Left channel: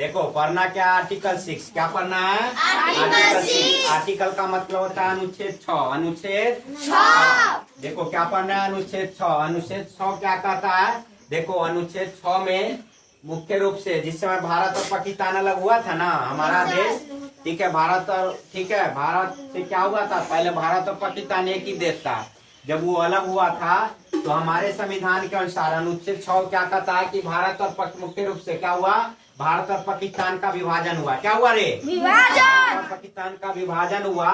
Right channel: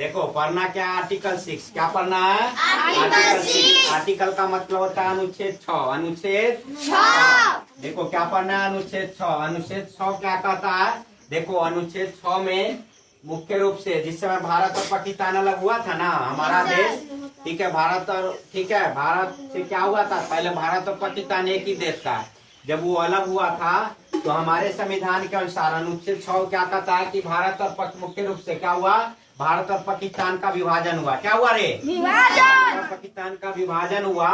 देखो पढ़ना क्या, आर्टिकल 6 क्या पढ़ना है, आर्टिकल 6। आर्टिकल का मतलब होता है अनुच्छेद 6। अनुच्छेद 6 देखो क्या पढ़ना है, अनुच्छेद 6। अनुच्छेद 6 क्या कहता है, देखो अनुच्छेद 6 में मुख्य रूप से जिस समय भारत और पाकिस्तान अलग हुआ था ना हमारा देश, ठीक है, भारत और ठीक है, भारत से क्या हुआ था, पहले भारत और पाकिस्तान एक ही देश था। जब वो अलग हुआ था तो हमारे संविधान के अनुसार अनुच्छेद 6 क्या कहता है कि भारत और मुख्य रूप से क्या हुआ, भारत और पाकिस्तान का विभाजन हुआ। क्या हुआ रे, भारत और पाकिस्तान का विभाजन हुआ।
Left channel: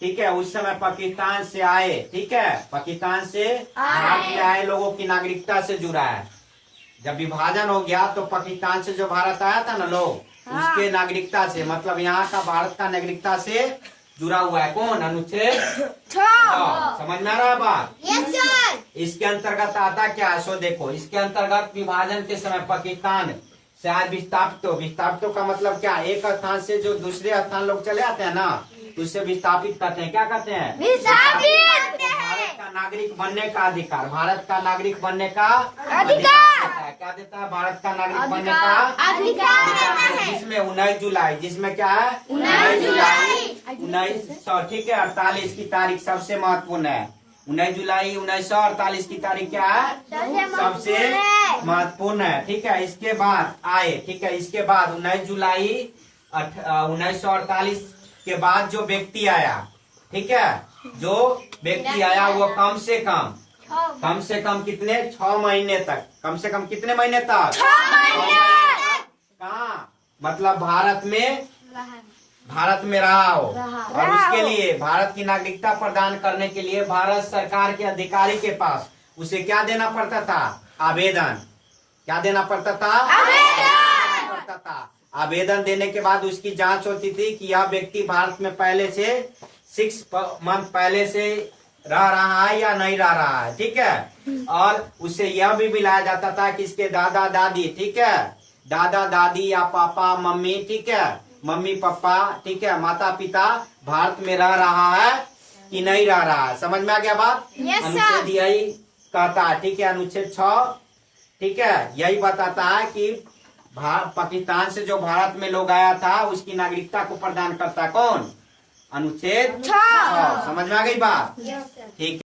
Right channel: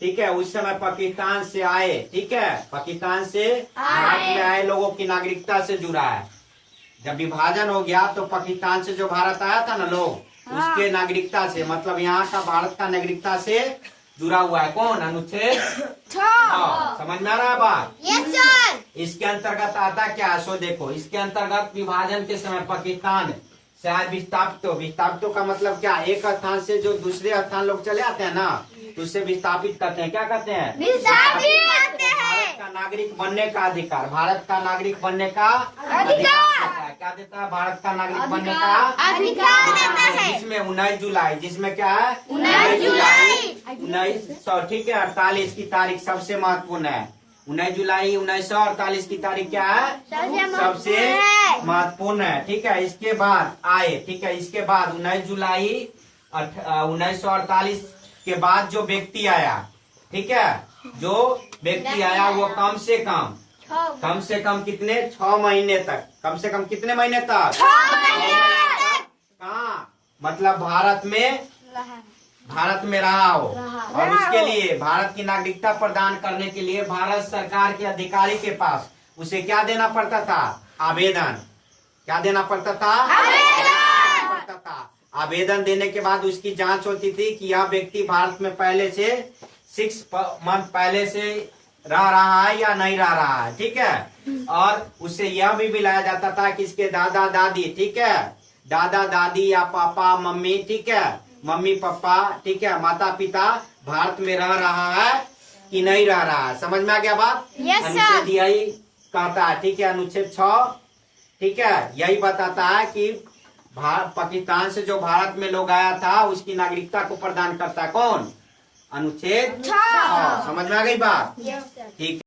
ठीक है, उस समय पाकिस्तान से आए, ठीक है, पाकिस्तान से भारत में आए लोगों की नागरिकता से जुड़ा है। जब विभाजन हो गया तो पाकिस्तान से जो भारत आया था ना लोग, उसके नागरिकता से, मतलब यहाँ का भारत का नागरिकता से जुड़ा हुआ है कौन, अनुच्छेद 6। समझ में आ रहा है बात? Yes sir. इसके अंतर्गत आता क्या, सो देखो इसके अंतर्गत विभाजन के समय पाकिस्तान से आज विस्थापितों का मतलब क्या, एक स्थान से जो दूसरे स्थान लोग चले आते हैं ना, तो उससे विस्थापित करते हैं। क्या कहते हैं, विस्थापित। भारत का नागरिक बनने का अधिकार, भारत का नागरिक बनने का अधिकार देता है। क्या देता है, भारत का नागरिक बनने का अधिकार देता है। जिसमें 19 जुलाई, जिसमें क्या है 19 जुलाई 1900, ठीक है, 48 की तारीख सबसे महत्वपूर्ण है। 19 जुलाई 1948 की तारीख क्या है, सबसे महत्वपूर्ण है। ठीक है, इसके बाद आए, ठीक है, इसके बाद 19 जुलाई 1948 के बाद जो व्यक्ति आया, ठीक है, जो व्यक्ति आया वो कम से कम कितने, 6 महीने तक, कम से कम कितने महीने तक, 6 महीने तक कहाँ, मतलब भारत में रहा हो। और उसके लिए भारत की नागरिकता प्रदान करने के लिए भारत सरकार के अधिकारी के पास उसे क्या देना पड़ता था, आवेदन। क्या देना पड़ता था, आवेदन देने के बाद उसकी जांच होती थी कि यह व्यक्ति भारत में पहले से 6 मंथ पहले से रह रहा है या नहीं रह रहा है। ठीक है, और उसे यह भी मिलाया जाता था कि इसके दादा दादी, ठीक है, दादा दादी या पापा मम्मी, ठीक है, मम्मी पापा, ठीक है, माता पिता भारत में रह रहा है कि नहीं रह रहा है। समझ में आ गया बात? अनुच्छेद यही कहता है, ठीक है, अनुच्छेद 6, ठीक है, यही बताता है कि पाकिस्तान से जो भारत में लोग आया था उसकी नागरिकता को प्रदान करता है कौन, अनुच्छेद 6। समझ में आ गई बात? ठीक।